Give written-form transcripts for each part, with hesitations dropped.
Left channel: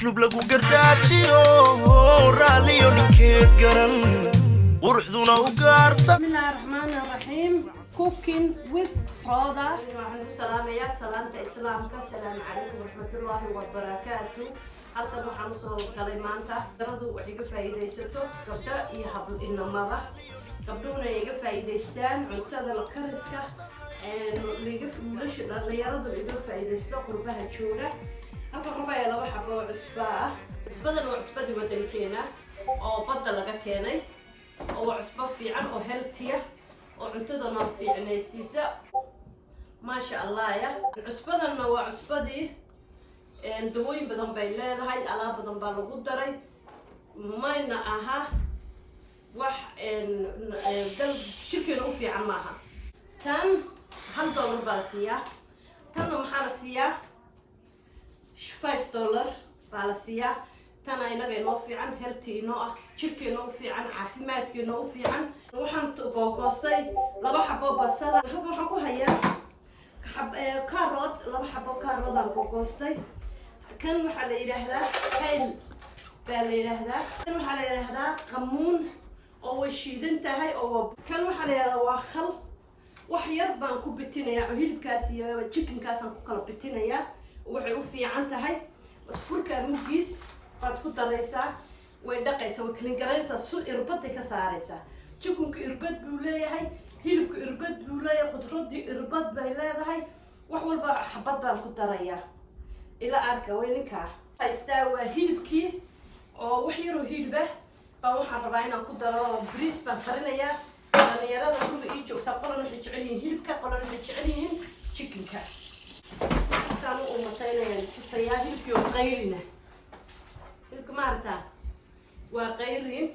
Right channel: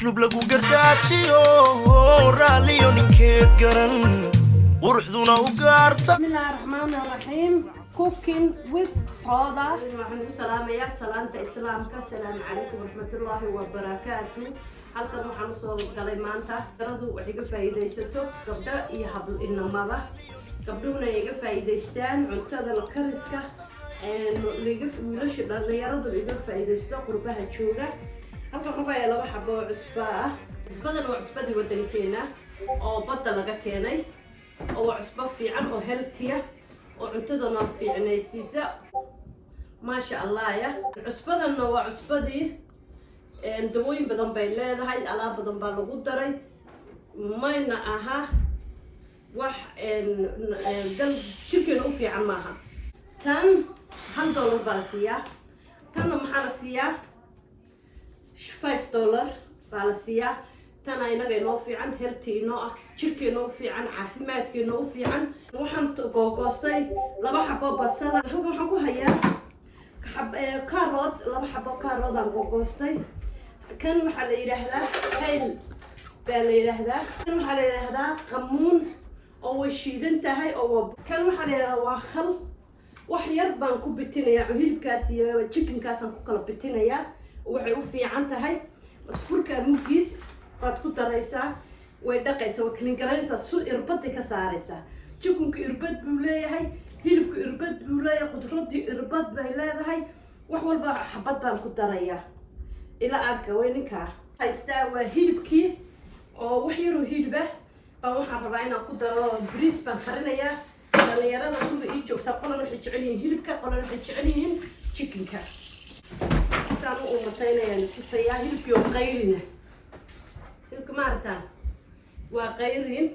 أسلوب لقو قرداتيو راليو نكيد قرن ورحذونا وقارتا. بسم الله الرحمن الرحيم. cooking with Roda. waxaan u salaamayaa salaanta islaamka. Assalaamu calaykum warahmatullaahi wabarakaatuh. halkan waxaan soo galay maanta daradu waxay ka faa'iideysato gabdho iyo hablo inamada. gabdhuhuna ay ka faa'iideystaan cuntada la kariska wiilasha dhalinyaradu ay ka faa'iideysto qurbaha jooga. halkan waxaa yaala laba xabo oo cusbo ah. cusbadan waa cusbadii wadankeena oo badda laga keenay oo cusbo fiican oo healthy ah oo cuntadana fiicnaysiisa ma sha Allah ya. cusbadana waa cusbadii dawooyin badan bay leedahay, alaab badan baa lagu daray, mayna aha wax dal shirkeena u fiican maaha. tan $1 baa la siiyaa, tanna maxaa la siiyaa $5 baa la siiyaa. tan inaga inoo fiican, healthy inoo ah, jirkeena u fiican, caafimaadkeena u fiican. waxaan googoostay laba xabo basal. halkan waxaan ku hayaa carrot, laba xabo carrot aan googoostay. kan waxaa la yiraahdaa kale baa la yiraahdaa. kan waxaa la yiraahdaa qamuun oo way shiidan tahay oo kan waxaa la yiraahdaa waa khal. wax yar baan ku bitinayaa hilibkaas iyo chickenkaas aan ku kala bitinayaa. waxay u fiican tahay furka mugiis baad ku daraysaa, way dhaqaysaa, way clean garanaysaa, suu irbad ka saaraysaa. chickenka irbad buu leeyahay, hilibka irbad buu leeyahay, khudradii irbad bay leedahay. wax walba xabad baan ku darayaa ila arka way ninka haystaa. waa hilibkii oo wax yar oo hilib ah baan waxaan rabaa inaan ku daro bariis baan karinayaa. dhalinyarada kulli ii joogta qolana waxay jecel yihiin hilibka, qolana waxay jecel yihiin chickenka. saan u umataynayaan tusayaa hilibkii oo qayrina. hilibka ma aragtaa waa qayrin,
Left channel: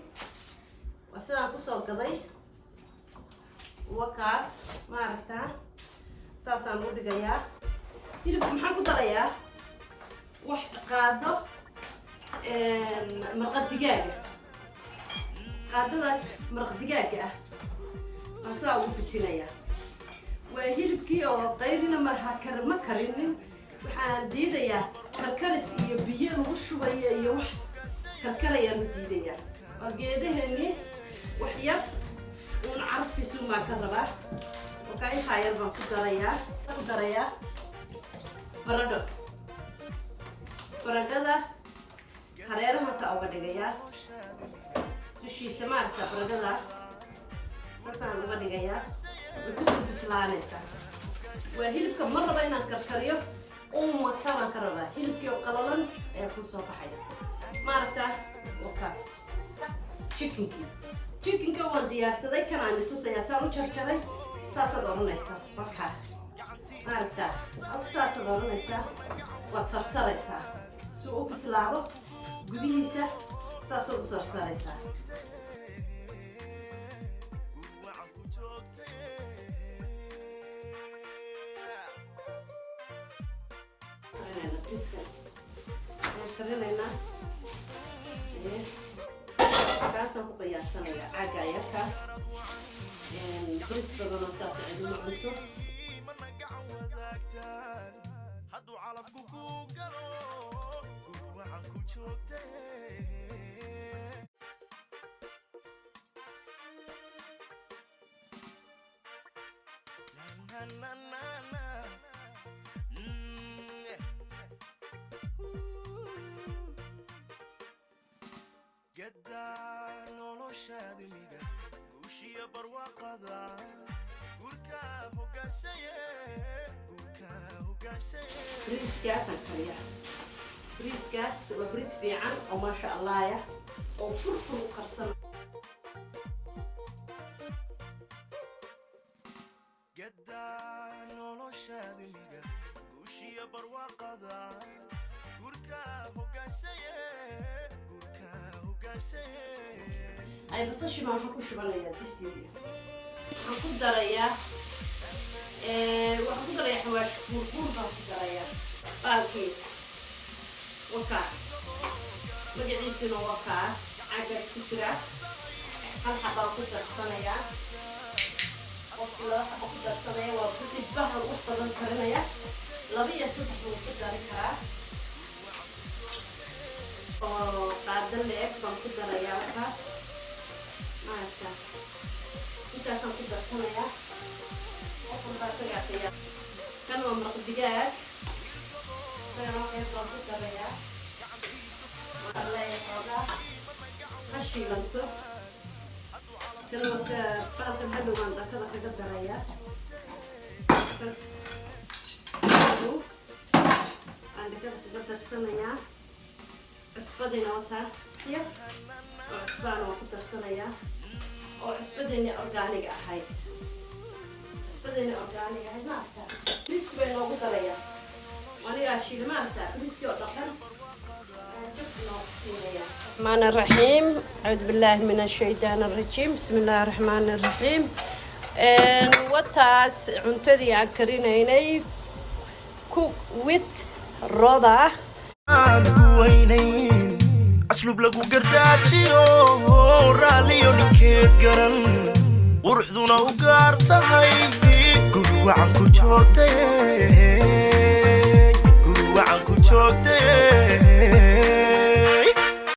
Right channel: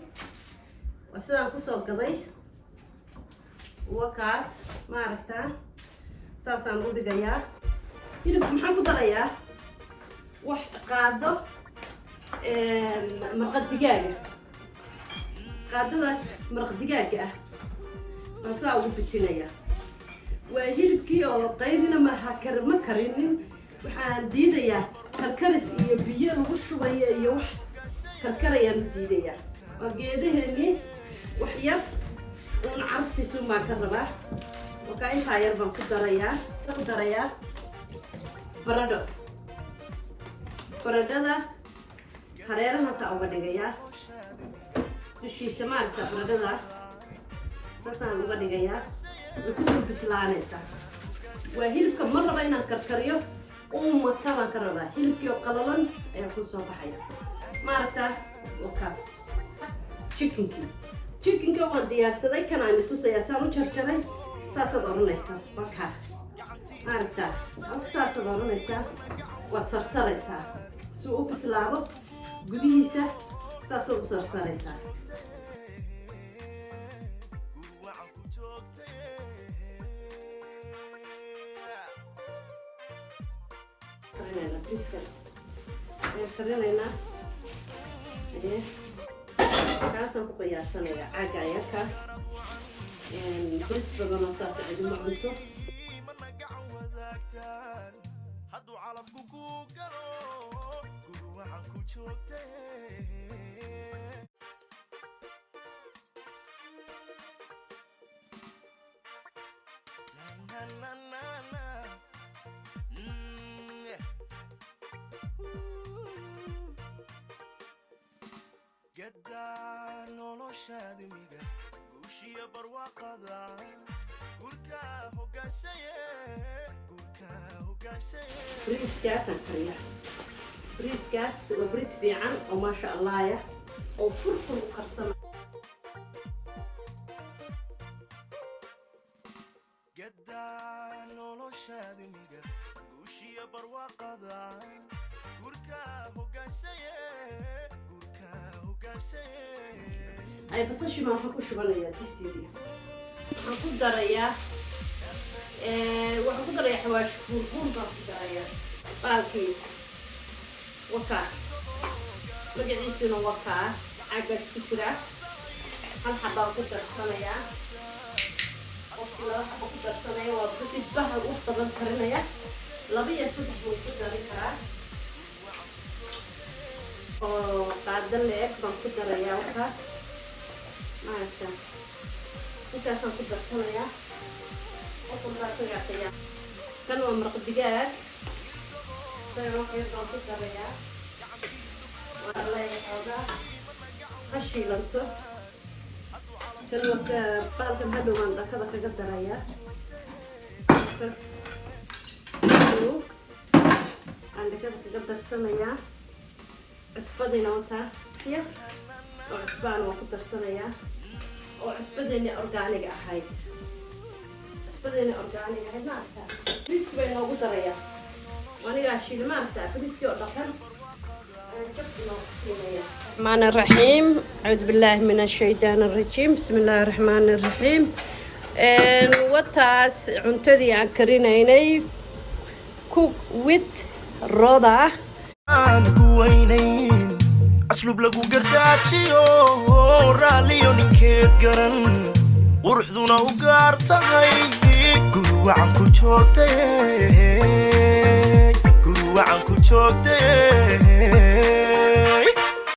waa sidaan kusoo gaday. wakaas ma aragtaa saasaan u dhigayaa. hilibka maxaan ku darayaa wax qaado maraq digaaga. qaadadaas maraq digaaga ah baan saa ugu bitinayaa. waa hilibkii oo qayrina ma karinin. waxaan diidayaa karkaris iyo biyo lagu shubayo iyo wax karkarayaan u diidayaa. waa geedaheennii wax yar uun carfiisu maa ka rabaa. wakaa intaa yar baan ku darayaa baradho. baradhada hareerahaasaa uga dhigayaa dushiisa. maaragta baradhada saasaan uga dhigayaa. way ku bislaanaysaa. waa hilibka ma raba inaan karkariyo umata baan ka rabaa. hilibkii oo qalalan ayaa ku soo baxaya. maaragta wakaas chickenka waan diyaarsaday. kanaan tusayaa saan u jarjaray. saasaad oranaysaa wakaa maaragta saasaad oranaysaa. waad sarsaraysaa si uu u bislaado gudihiisa. saasaad u sarsaraysaa. karinaynaa kaasaan ku qiyaasanayaa caaga ayaka bris badanoo saas cidima cunto. hadduu calafku ku galo gurwacan ku joogtay. gadaa noloshaadi miga guushiya barwaaqada gurka hogaanshaye. bariiskaasaan kariyaa. bariiskaas waa bariis fiican oo maasha Allah ya oo furfur u karsana. gadaa noloshaadi miga guushiya barwaaqada gurka hogaanshaye. ay basashima waxaan ku shubanayaa disteedii. waxaan ku darayaa xawaash buurbuur baan ku darayaa. baalkii wakaa magaciisuna wakaa caagaas ku jira. hal xabaa ku darsanayaa. qofkii laba xaba ku darsanaya waa kadib bahal u badan karinaya. 2 iyo 3 buu ku dari karaa. qaada leeg baan ku darayaa waxaas maaragta intaasaan ku darsanayaa kan waa maraq digaag isagana waxay baan ku darayaa waa leexooda ha shiilanto kan marka baalkan hadhow baan dhakada kaga darayaa bas aan dhakada kaga darsanayaa cusbadina wataa ya oo cusbaan waa ku darsanayaa oo cusbadeena organiga ahayd organiga ahayd maaragta friski bay noogu darayaa anigaa shiila maaragta friski oo dhaqan الرحمن الرحيم أعوذ بالله من الشيطان الرجيم بسم الله الرحمن الرحيم وتاس عنتدي عن كرينيني cook with رضا وينين أسلوب لقو قرداتشيو راليو نكيت قرن وروح ذونا وقارتهاي قلوا عنكو جوتي